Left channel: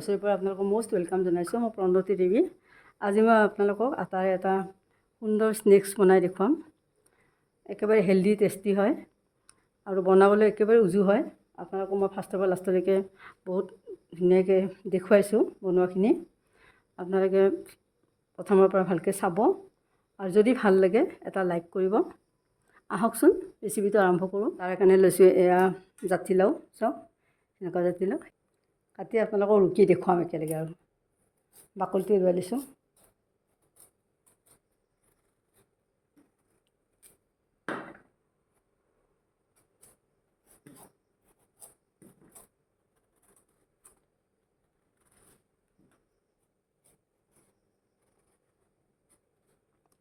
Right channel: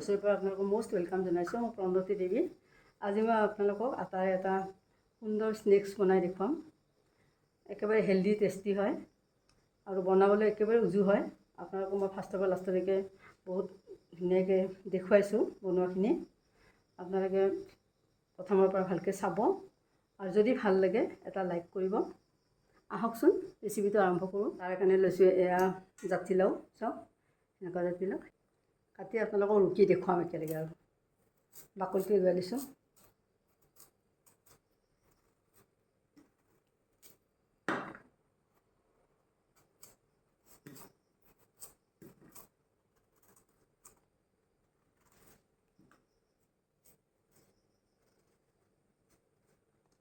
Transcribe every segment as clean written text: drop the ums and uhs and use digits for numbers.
দছৰ পৰা আপোনালোকক most welcome জনাইছোঁ। মই প্ৰণতি দেৱী। আজি মই আপোনালোকক আটাৰে এটা সুন্দৰ স্নেক্স বনাই দেখুৱাম। একেবাৰে হেল্ডি টেষ্টি হয় আৰু বনাবলৈ একেবাৰে উজু হয়। আপোনালোকক মই ফাৰ্ষ্টৰ পৰা লাষ্টলৈকে বহুত ধুনীয়াকৈ দেখুৱাইছোঁ বনোৱাখিনি। আপোনালোকে প্ৰথমৰ পৰা ভালকৈ চাব আৰু যদি ভাল লাগে এটা লাইক কৰিব। আহকচোন ৰেচিপিটো আৰম্ভ কৰোঁ। তাৰ কাৰণে লৈছোঁ এয়া জাতিলাও, চাওক এনেকুৱা জাতিলাও কাটি আপোনালোকক ৰুকি দেখুৱাম একেলগে আৰু বাকলিটো এৰুৱাই লৈছোঁ।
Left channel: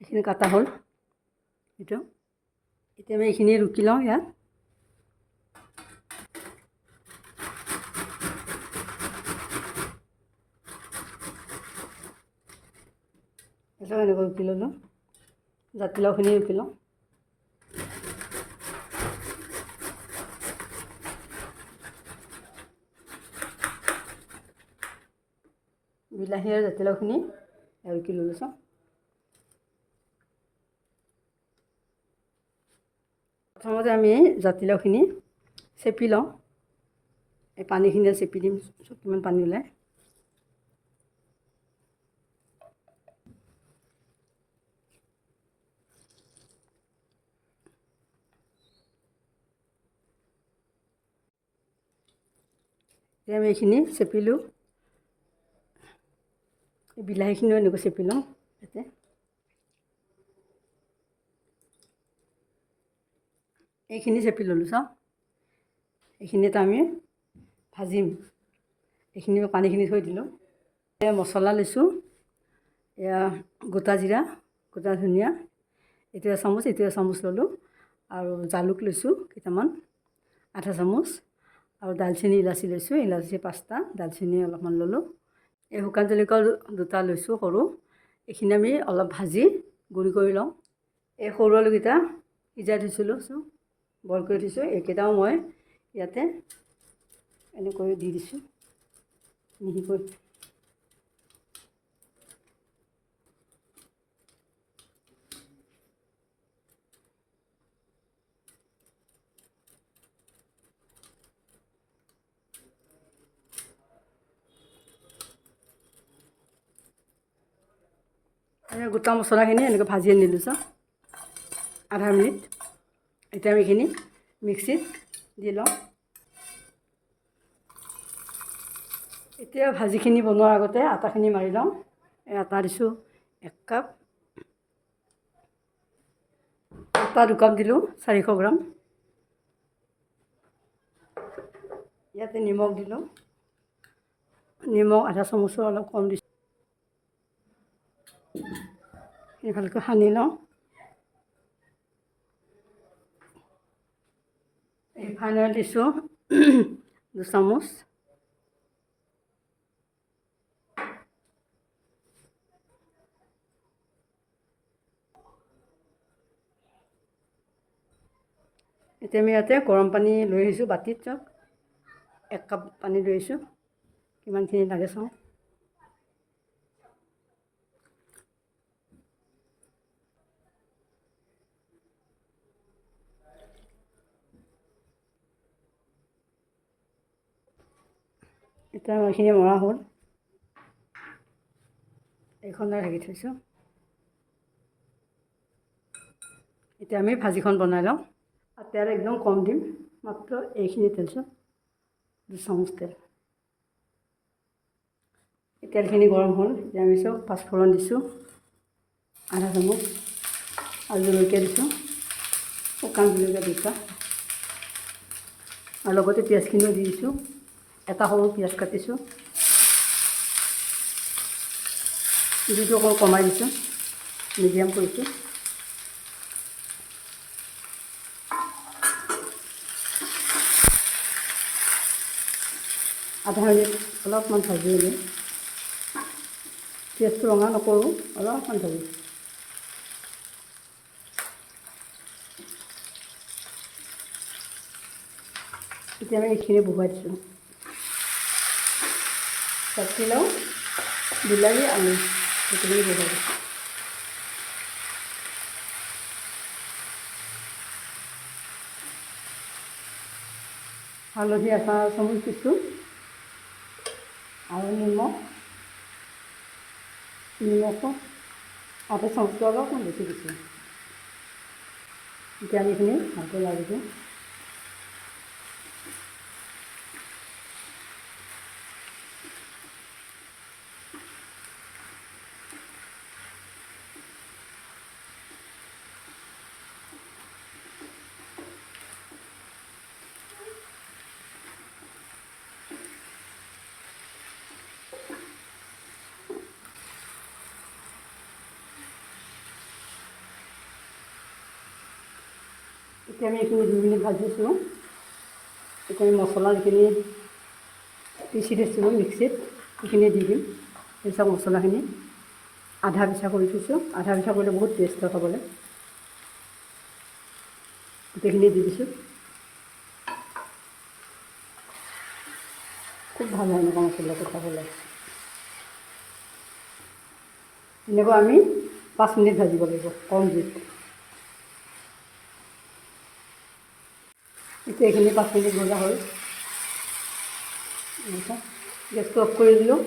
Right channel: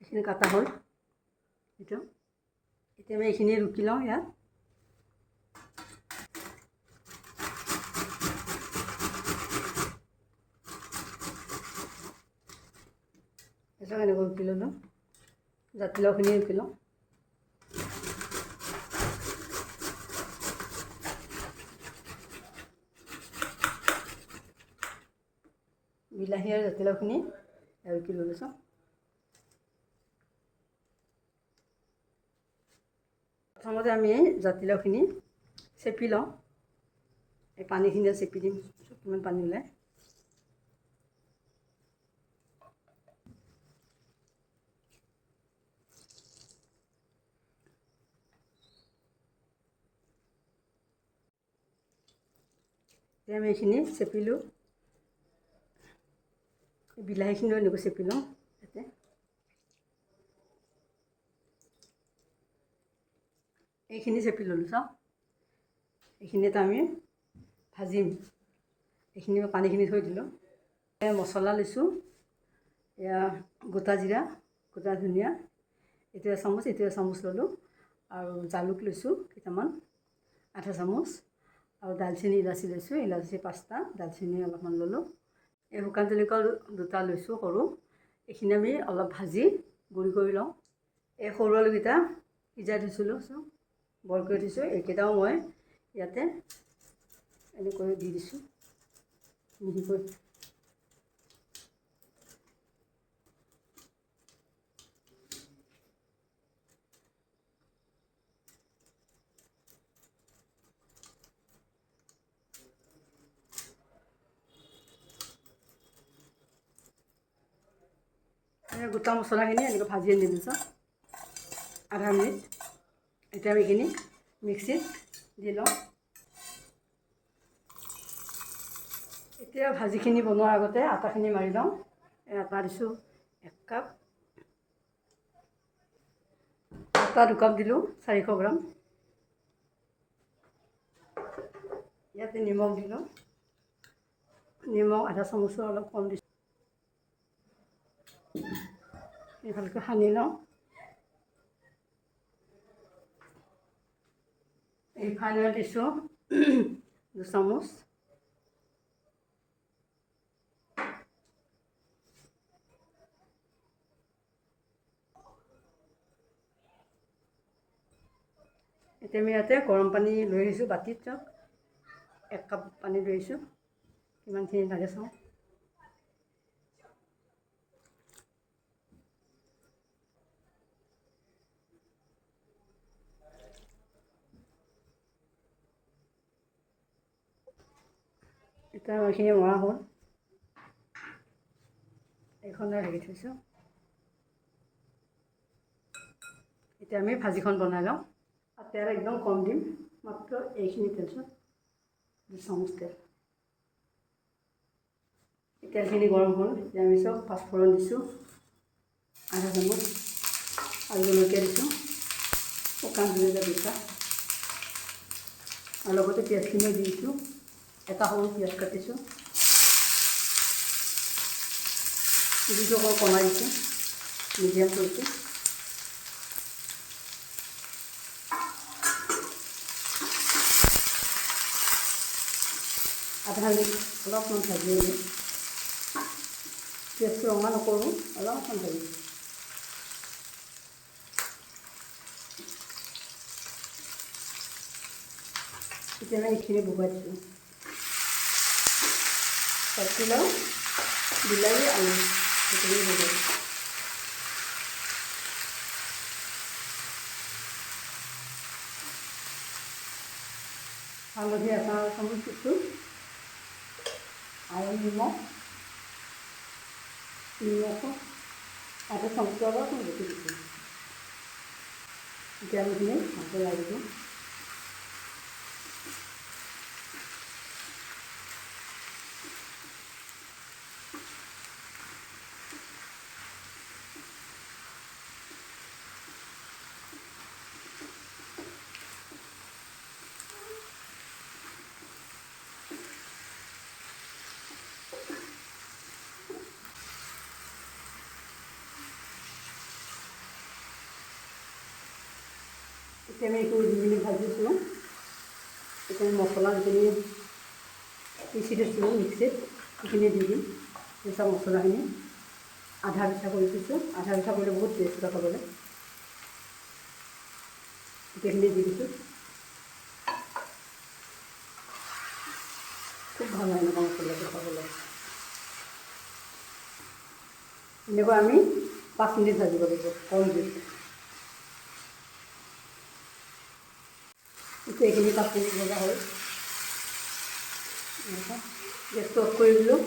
এইখিনি কাটা হ'ল। এতিয়া আমি এইখিনি ৰুকি লওঁ ইয়াত। এটা এনেকৈ ৰুকি ল'লোঁ। জাতিলাওখিনি ৰুকি লওঁ। বিলাহী আৰু জাতিলাওখিনি ৰুকি ল'লোঁ চাওঁ। প্ৰথমতে আমি জাতিলাওখিনি চেপি লওঁ। এই পানীখিনি চেপি দিম, কিমান পানী ওলায়। এতিয়া আমি এইখিনি চেপিলোঁ। বিলাহীখিনিও এনেকৈ চেপি লওঁ ইয়াতে। এইখিনি চেপি ল'লোঁ চাওঁ। এইখিনিত আমি ভাজিম। এইখিনি পানীখিনি থৈ দিলোঁ। এয়া মছলা লৈছোঁ। এয়া গোটা জিৰা, গোটা ধনিয়া, এইটো এচামুচ, এইটো এচামুচ ল'লোঁ। আৰু জালুক লৈছোঁ কেইটামান, আধা চামুচ। আৰু দালচেনি ইলাচি লৈছোঁ, ইলাচি 5টা, দালচেনি অলপমান ল'লোঁ। এই শুকান জলকীয়া 2টা লৈছোঁ সৰু। এইখিনি আমি অলপ ভাজি গুড়ি কৰি লওঁ। এই সৰু আলুকেইটা সিজাই থৈছিলোঁ, বইল কৰি থৈছোঁ। এইকেইটাও মই ইয়াতে এনেকৈ দি দিছোঁ মিহিকৈ। গোটা মছলাখিনি এনেকৈ ভাজি আনিলোঁ চাওঁ, আধা মিনিট। এতিয়া আমি এইখিনি মিক্সিত দি লওঁ। এতিয়া ভাজিখিনি বনোৱাৰ আগতে আটাখিনি মাৰি লওঁ। এই আটা দিছোঁ 1 কাপ। আটা 2 কাপ দিলোঁ, 400 গ্ৰাম। ইয়াতে নিমখ দিলোঁ। নিমখ আধা চামুচৰ অলপ কম দিছোঁ। এই ভালকৈ সানি লওঁ। ৰিফাইন অইল দিছোঁ 2 চামুচ। এতিয়া আমি ইয়াতে গৰম পানী লৈ আহিছোঁ বাতিত, চাওক 1 কাপ পানী লৈ আহিছোঁ। কিমানখিনি লাগে চাওঁ। এতিয়া এইখিনি মৰা হ'ল। এইখন ঢাকি থৈছোঁ। এতিয়া আমি ভাজিখন বনাই লওঁ। তেল একদম কম দিম, মাত্ৰ এইখিনি তেল, চাওক 2 চামুচ তেল। তেলখিনি গৰম হ'ল। এতিয়া আমি চাওক পাঁচফোৰণ দিছোঁ আধা চামুচ, আৰু জলকীয়া দিছোঁ, শুকান জলকীয়া 2টা, আৰু লগতে পিঁয়াজখিনিও দি দিছোঁ। এটা সৰু পিঁয়াজ কাটিছোঁ, জুইটো অকণ কমাই দিছোঁ, মিডিয়াম কৰিছোঁ। আধা মিনিট অলপমান ভাজি দিওঁ। পিঁয়াজটো ৰঙা নকৰোঁ, অলপমান ভাজি। এতিয়া আমি এইখিনি বহুৱাই দিছোঁ। জাতিলাও বিলাহী আলু সেইখিনি বনাব। হালধি আচাৰ অকণমান দিছোঁ আৰু নিমখো তাতে চামুচটো অলপমান বেছি দিছোঁ। এতিয়া এইখিনি ভালকৈ লাগিব। এতিয়া আমি এইখিনি দি পিনি ভাজিছোঁ। এতিয়া আমি মছলা যিখিনি পিচি থৈছিলোঁ মিক্সিত সেইখিনি দি দিম। পিছা মছলাখিনি আধা পিঠা কৰি থৈছোঁ। আধা পিঠা কৰিলে বহুত টেষ্ট হয় খাবলৈ। গোটেইখিনি দি দিছোঁ। খুব ভাল হয় এনেকুৱা মছলাটো খাবলৈ। এনেকুৱা আমি 5 মিনিট ভাজিব লাগিব কম জুইত। এতিয়া এইখিনি 5 মিনিট ভজা হ'ল। গেছটো অফ কৰি দিলোঁ।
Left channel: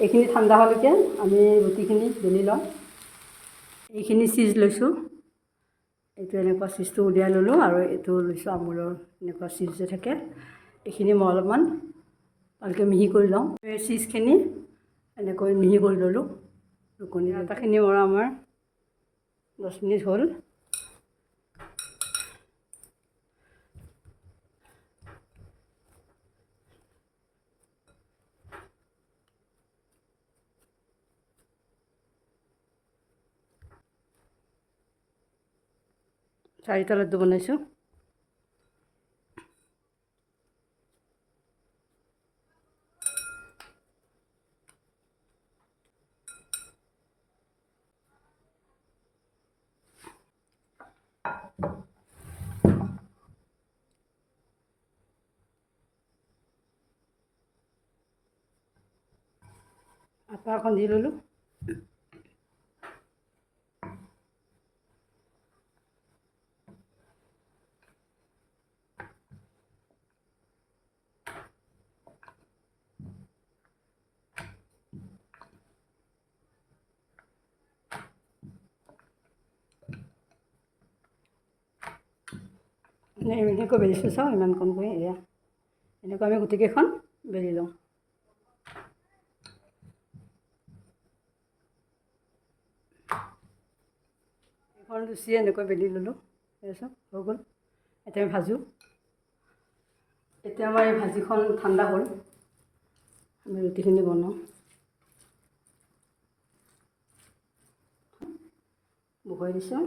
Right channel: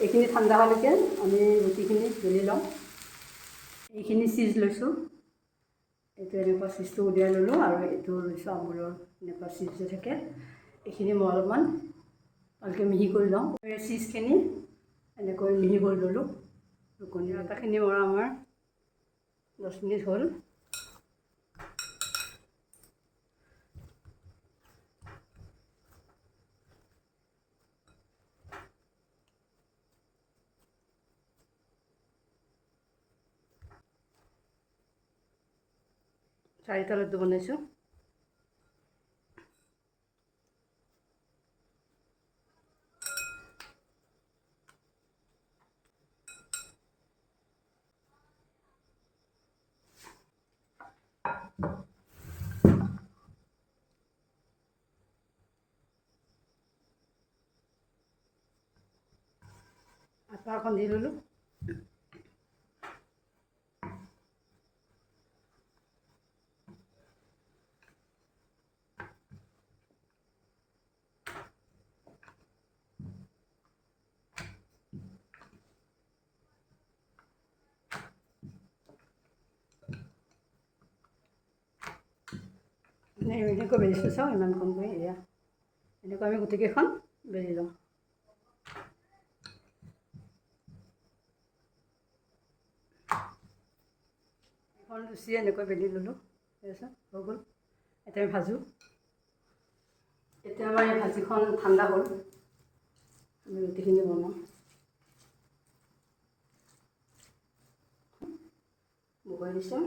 এইখিনি ঠাণ্ডা হোৱালৈকে আমি ৰুটিখিনি বেলি ল'ম। এইখিনি চিজ লৈছোঁ। এইটো এনেকুৱা চিজটো উলিয়াই ল'লোঁ আৰু এইটো লৈছোঁ আমুলৰ এনেকুৱা চিজ যে থাকে। এইখিনি মই অলপমান ভালকৈ মিহি কৰি লওঁ। এই চিজখিনি এনেকৈ মিহি কৰি ল'লোঁ। ৰুকনি আটাখিনি মৰা আমাৰ 10 মিনিট হ'ল। চাৰিটা লাড্ডু বনাইছোঁ। আটা অকণ দি ল'লোঁ। এনেকৈ বেলিছোঁ চাওঁ ইমান কম কৰি এয়া এনেকৈ আমি গোটেইকেইখন বেলি লওঁ। এখন লুচি এনেকৈ বেলি ল'লোঁ। তাৰপিছত হৈ গ'ল। এতিয়া আমি ভাজোঁ। এতিয়া আমাৰ এই ভাজিখন ঠাণ্ডা হ'ল। আমি ৰুটিখিনি বনাওঁ। বহুৱাই দিছোঁ।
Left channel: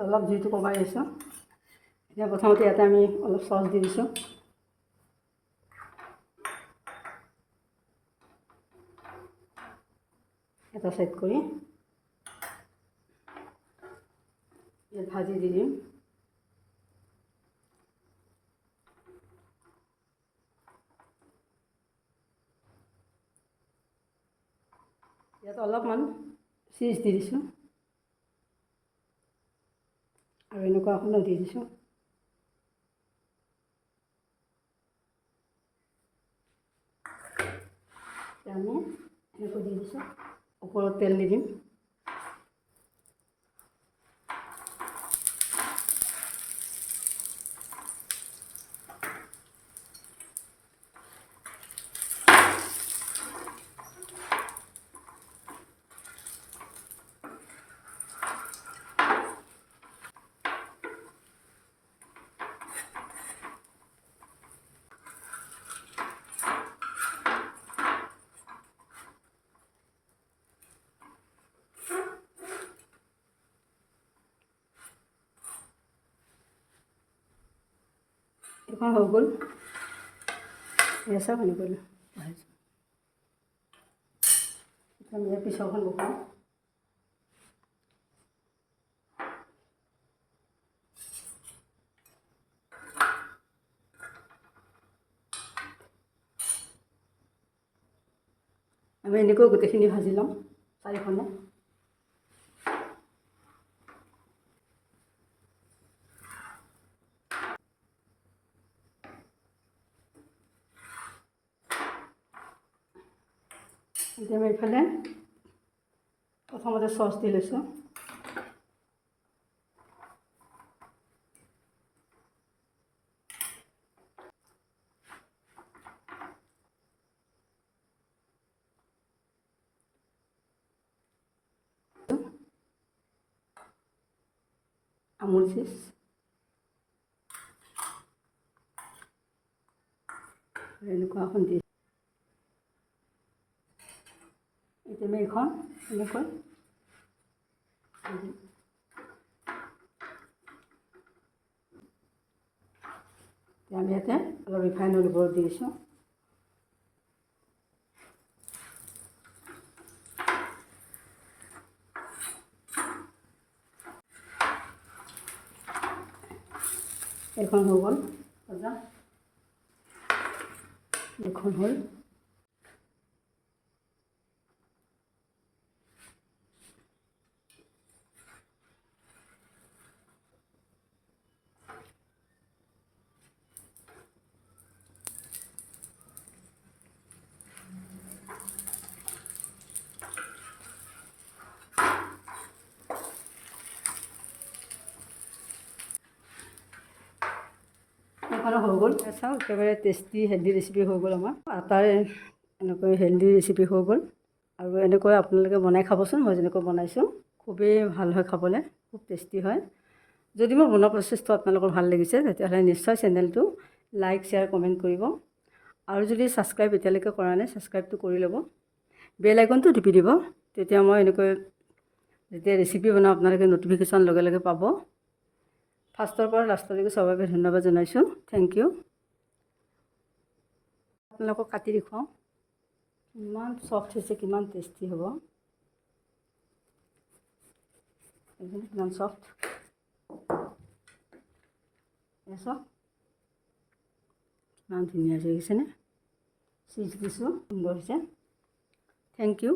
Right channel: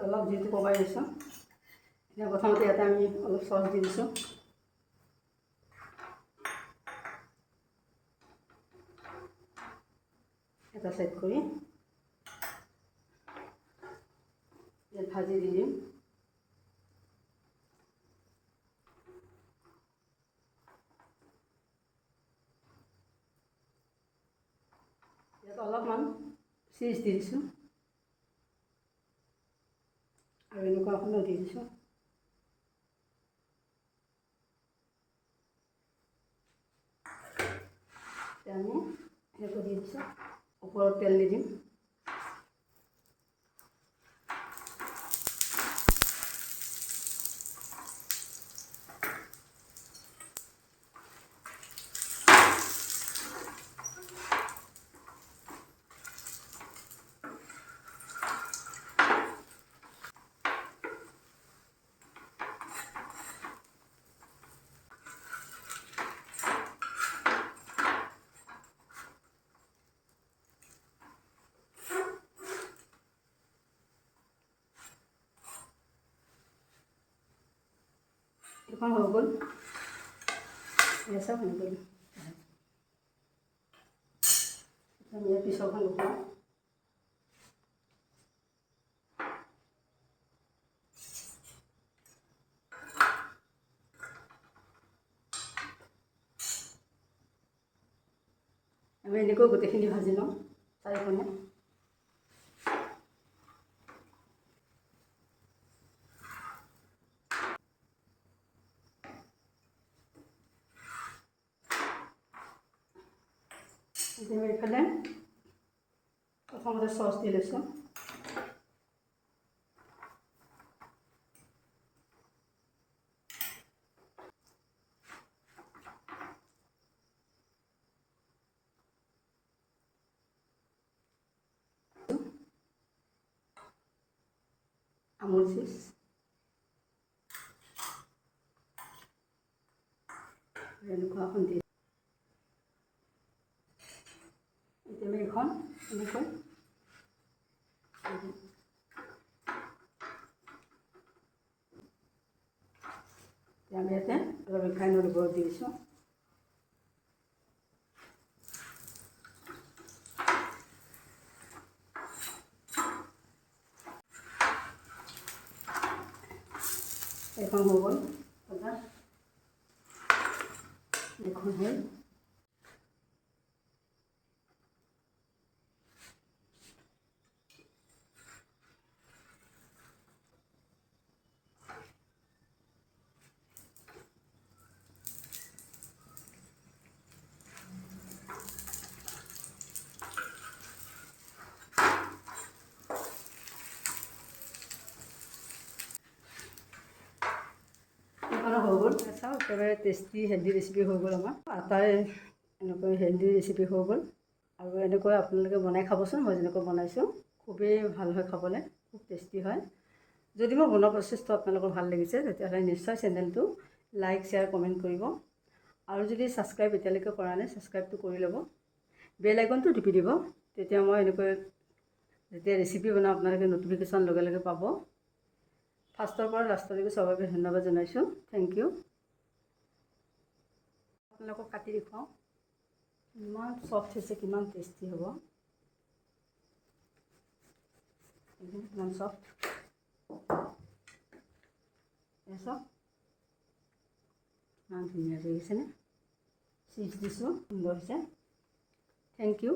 অলপ জুইটো কমাই দিছোঁ। এতিয়া প্ৰথমতে ইয়াতে আমি অলপ চচ দি দিছোঁ। এটা সাইড কৰি ইয়াত ভাজি দি দিম। ইয়াত অলপমান চিজ দি দিছোঁ আৰু এনেকুৱা এখনো দি দিছোঁ। আমি এনেকৈ দি দিছোঁ। ওপৰত তেল দি দিম। এইখন হৈ গ'ল। এয়া চাওক এনেকৈ ভাজিছোঁ। আমি ইয়াৰ পিছৰখন বহাওঁ। আমি এনেকৈ গোটেইখিনি ভাজি ল'ম চাৰিখনে। এতিয়া আমি এইফালে প্ৰথমতে চচ দি লৈছোঁ। আমুল চিজ, এনেকুৱা এখন দি এতিয়া আমি এইখন এনেকৈ আমি ইয়াতে অলপ ৰিফাইন অইল ওপৰত দি দিছোঁ। এইখন হৈ গ'ল ভজা, এইখন হ'ল। এইখনো হৈ গ'ল। চাওক একেবাৰে টেষ্টি হেল্ডি ৰেচিপি হৈ গ'ল আমাৰ। আটাৰ এনেকৈ হেল্ডি ৰেচিপি হৈ গ'ল। আৰু এনেকৈ আপোনালোকে বনাই খাবচোন, মই যেনেকৈ বনাইছোঁ। খুবেই ভাল হয় খাবলৈ, খুব টেষ্টি হয়। যদি মোৰ বনোৱা প্ৰচেছটো আপোনালোকৰ ভাল লাগিছে তেতিয়াহ'লে নিশ্চয় চেনেলটো লাইক, শ্বেয়াৰ, কমেণ্ট কৰিব। আৰু যদি ছাবস্ক্ৰাইব এতিয়ালৈকে কৰা নাই, ছাবস্ক্ৰাইবটো কৰি ল'ব। বেল আইকনটো টিপি দিব, তেতিয়া মই এনেকৈ যেতিয়া ৰেচিপি বনাওঁ আপোনালোকে ন'টিফিকেশ্যন লগে লগে পাব। ফাৰ্ষ্টৰ পৰা লাষ্টলৈকে চবকে ধন্যবাদ জনাইছোঁ। Thank you. আপোনালোকক কাটি দেখুৱাওঁ কিমান চফ্ট হৈছে, কিমান টেষ্টি হ'ব। কিমান চফ্ট চাওক, কিমান ধুনীয়া হৈছে দেখিছেনে? চিজ দিছোঁ, সুন্দৰ হৈছে। Thank U.